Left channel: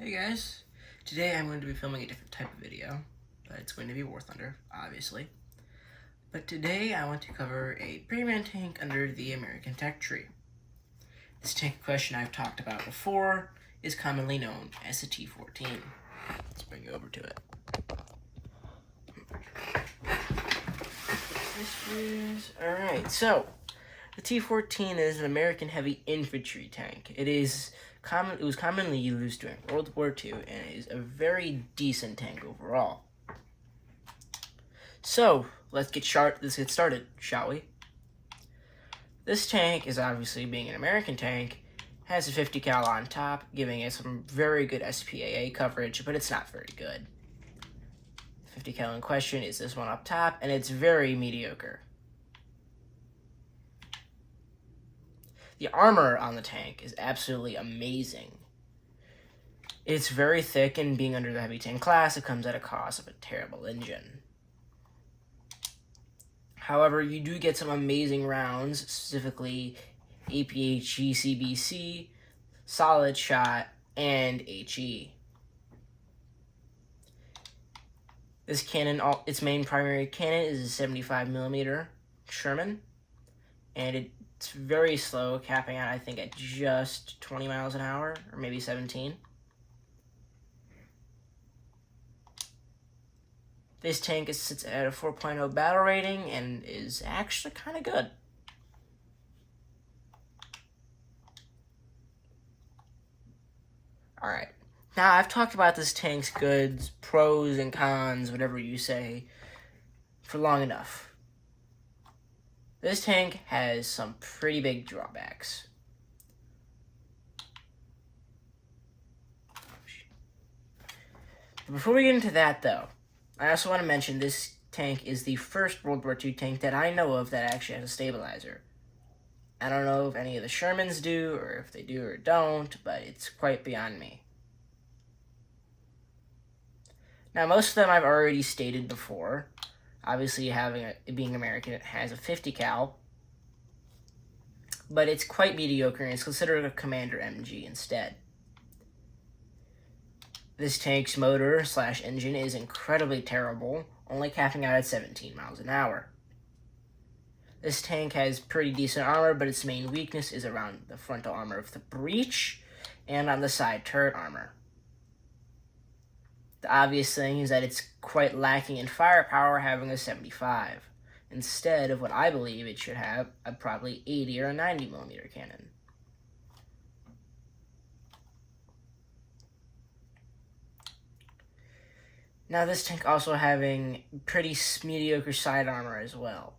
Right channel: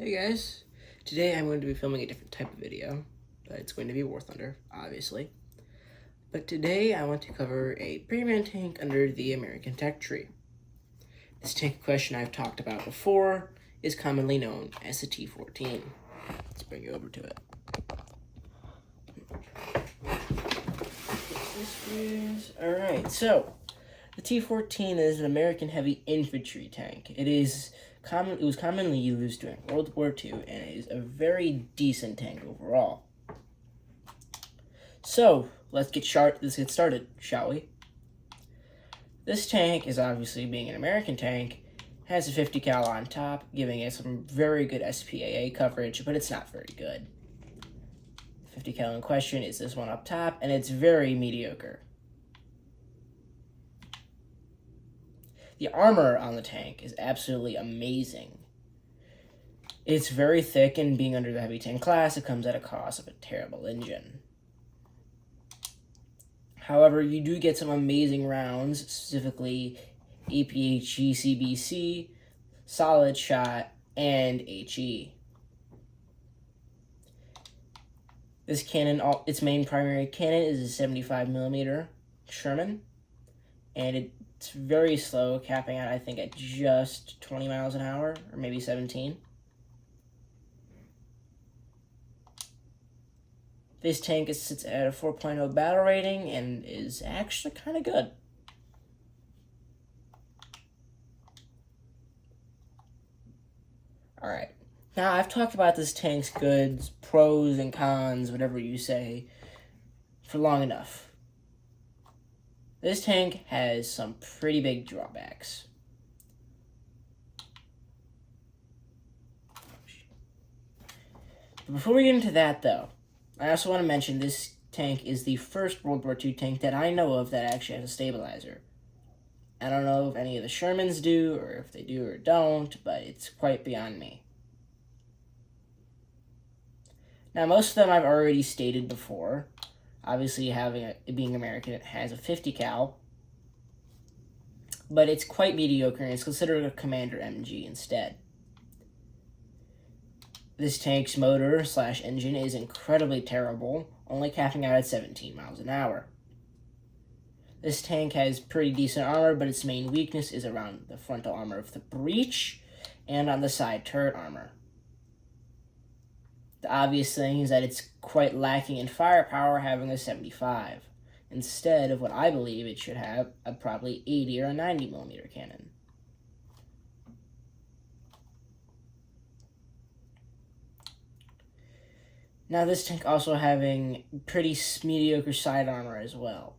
Hey guys, today I'm going to be filming a different type of video, but it's going to be War Thunder, obviously. But today I want to cover a premium tank under the American tech tree. This tank question I've talked about before is commonly known as the T14. Let's bring you over to it. Alright, so the T14 is an American heavy infantry tank. It was commonly used during World War II and it is a very decent tank overall. So let's get started, shall we? This tank is obviously being an American tank, has a 50 cal on top, giving it some very good SPAA coverage, but it's not very good. 50 cal in question is this one up top, and it's very mediocre. The armor on the tank is absolutely amazing. It's very thick, and being under the heavy tank class, it comes at a cost of a terrible engine. However, you do get some amazing rounds, specifically APHE, CBC, solid shot, and HE. This cannon, its main primary cannon is a 75mm Sherman, and it's very slow, capping out, I think, at just 20 miles an hour, or maybe 17. This tank sits at a 4.0 battle rating and is actually kind of good. Alright, now I've talked about this tank's goods, pros and cons, whatever you say, for long enough. This tank has some pretty big drawbacks. Before we get into that, though, I also want to mention this tank is the first World War II tank that I know of that actually has a stabilizer. I don't know if any of the Shermans do, or if they do or don't, but it's quite beyond me. Now, most of them I've already stated before. Obviously, being American, it has a 50 cal, but it's quite mediocre, and it's considered a Commander MG instead. This tank's motor/engine is incredibly terrible, only capping out at 17 miles an hour. This tank has pretty decent armor, but its main weakness is around the frontal armor of the breech and on the side turret armor. The obvious thing is that it's quite lacking in firepower, having a 75, instead of what I believe it should have, a probably 80 or a 90mm cannon. Now, this tank also having pretty mediocre side armor as well.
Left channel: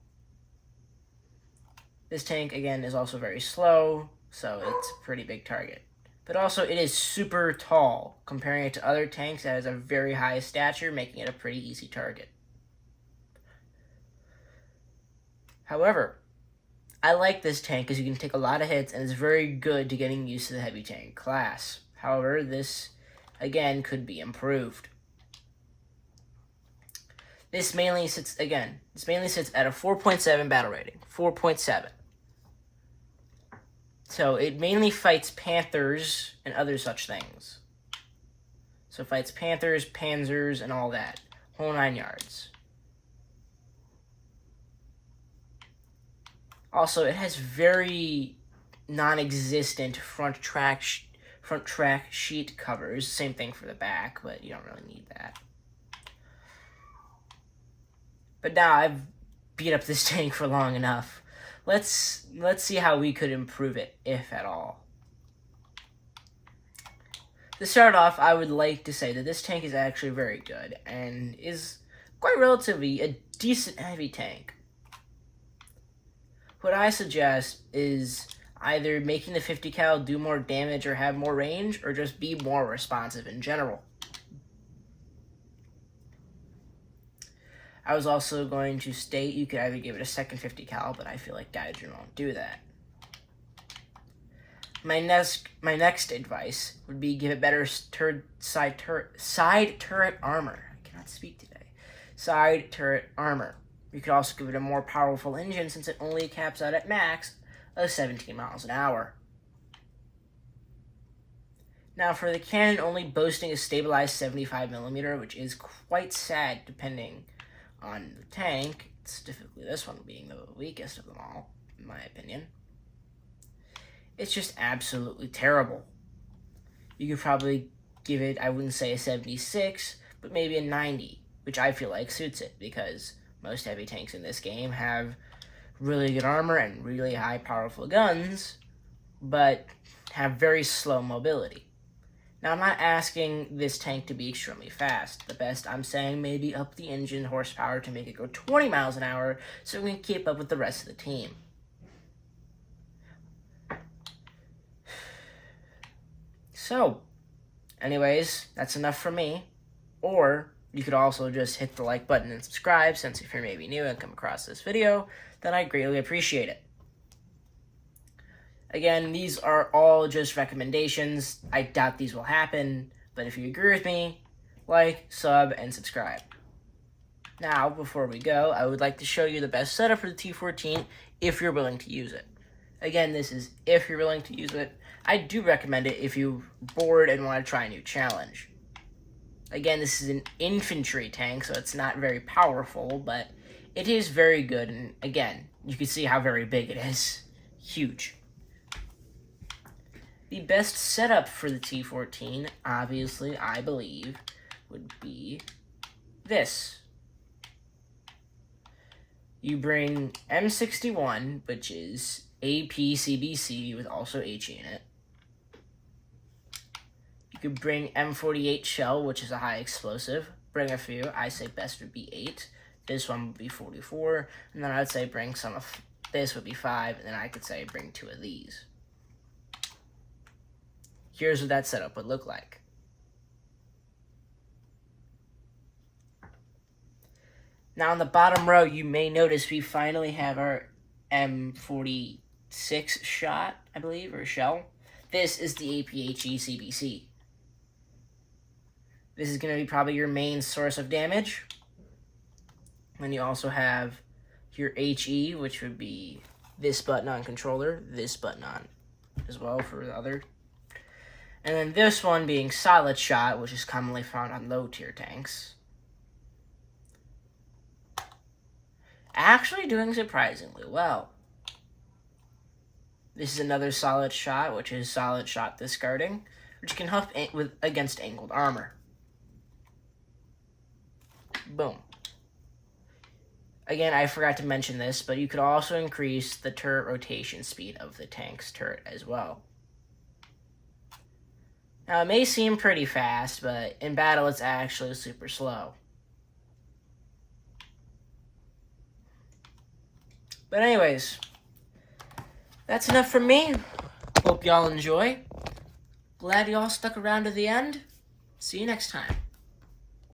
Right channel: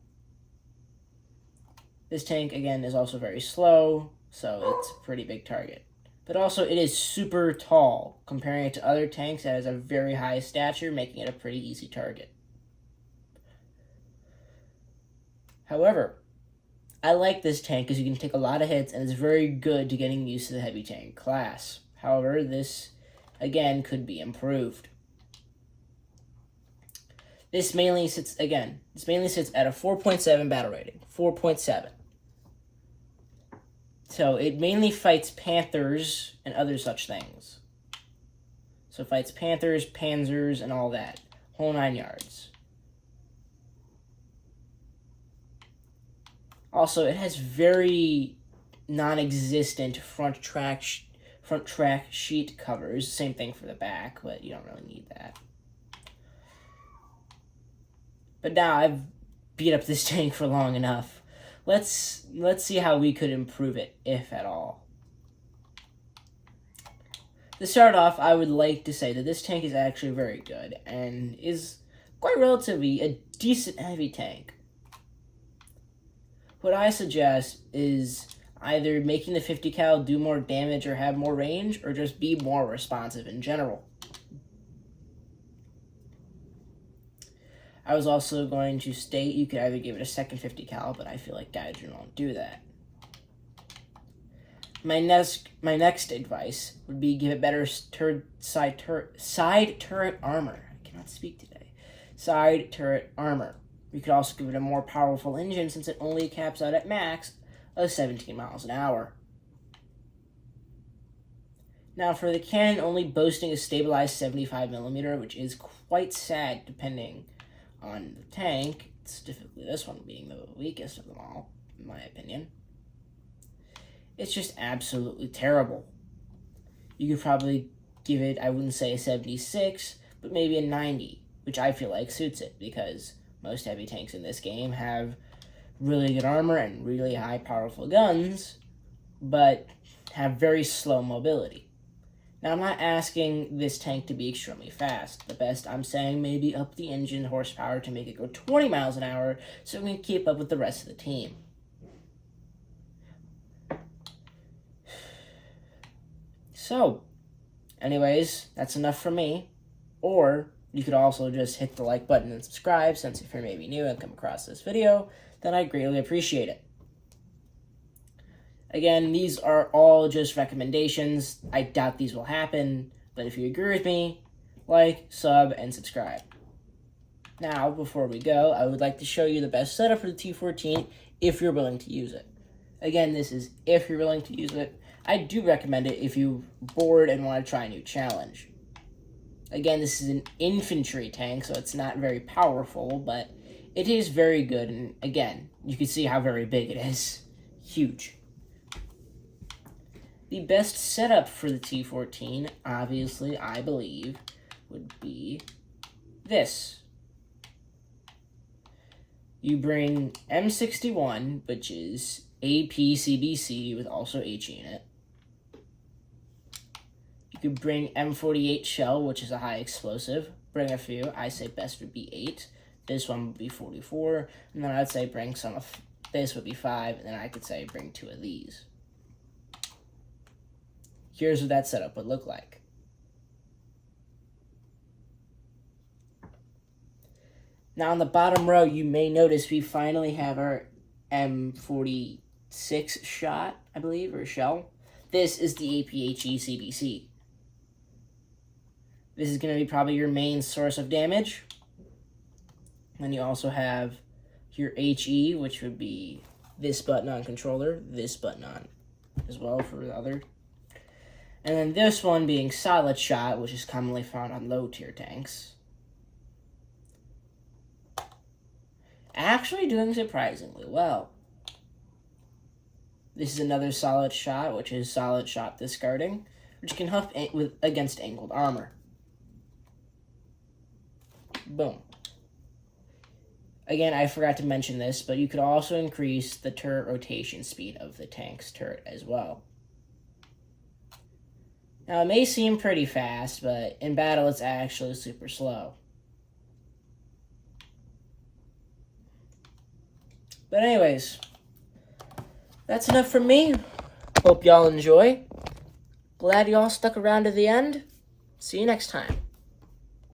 This tank, again, is also very slow, so it's a pretty big target. But also, it is super tall, comparing it to other tanks that has a very high stature, making it a pretty easy target. However, I like this tank because you can take a lot of hits, and it's very good to getting used to the heavy tank class. However, this, again, could be improved. This mainly sits at a 4.7 battle rating. 4.7. So it mainly fights Panthers and other such things. So it fights Panthers, Panzers, and all that. Whole 9 yards. Also, it has very non-existent front track sheet covers. Same thing for the back, but you don't really need that. But now I've beat up this tank for long enough. Let's see how we could improve it, if at all. To start off, I would like to say that this tank is actually very good and is quite relatively a decent heavy tank. What I suggest is either making the 50 cal do more damage or have more range, or just be more responsive in general. I was also going to state you could either give it a second 50 cal, but I feel like Diagen won't do that. My next advice would be give it better side turret armor. I cannot speak today. Side turret armor. You could also give it a more powerful engine, since it only caps out at max of 17 miles an hour. Now, for the cannon only boasting a stabilized 75mm, which is quite sad depending on the tank, specifically this one being the weakest of them all, in my opinion. It's just absolutely terrible. You could probably give it, I wouldn't say a 76, but maybe a 90, which I feel like suits it, because most heavy tanks in this game have really good armor and really high powerful guns, but have very slow mobility. Now, I'm not asking this tank to be extremely fast. The best I'm saying, maybe up the engine horsepower to make it go 20 miles an hour so we can keep up with the rest of the team. So, anyways, that's enough for me. Or you could also just hit the like button and subscribe, since if you're maybe new and come across this video, then I greatly appreciate it. Again, these are all just recommendations. I doubt these will happen, but if you agree with me, like, sub, and subscribe. Now, before we go, I would like to show you the best setup for the T14 if you're willing to use it. Again, this is if you're willing to use it. I do recommend it if you're bored and want to try a new challenge. Again, this is an infantry tank, so it's not very powerful, but it is very good, and again, you can see how very big it is. Huge. The best setup for the T14, obviously, I believe, would be this. You bring M61, which is APCBC with also HE in it. You could bring M48 shell, which is a high explosive. Bring a few. I say best would be 8. This one would be 44. And then I'd say bring some of this would be 5. And then I could say bring 2 of these. Here's what that setup would look like. Now on the bottom row, you may notice we finally have our M46 shot, I believe, or shell. This is the APHE CBC. This is going to be probably your main source of damage. And you also have your HE, which would be this button on controller, this button on as well for the other. And then this one being solid shot, which is commonly found on low tier tanks. Actually doing surprisingly well. This is another solid shot, which is solid shot discarding, which can huff against angled armor. Boom. Again, I forgot to mention this, but you could also increase the turret rotation speed of the tank's turret as well. Now, it may seem pretty fast, but in battle, it's actually super slow. But anyways, that's enough from me. Hope y'all enjoy. Glad y'all stuck around to the end. See you next time.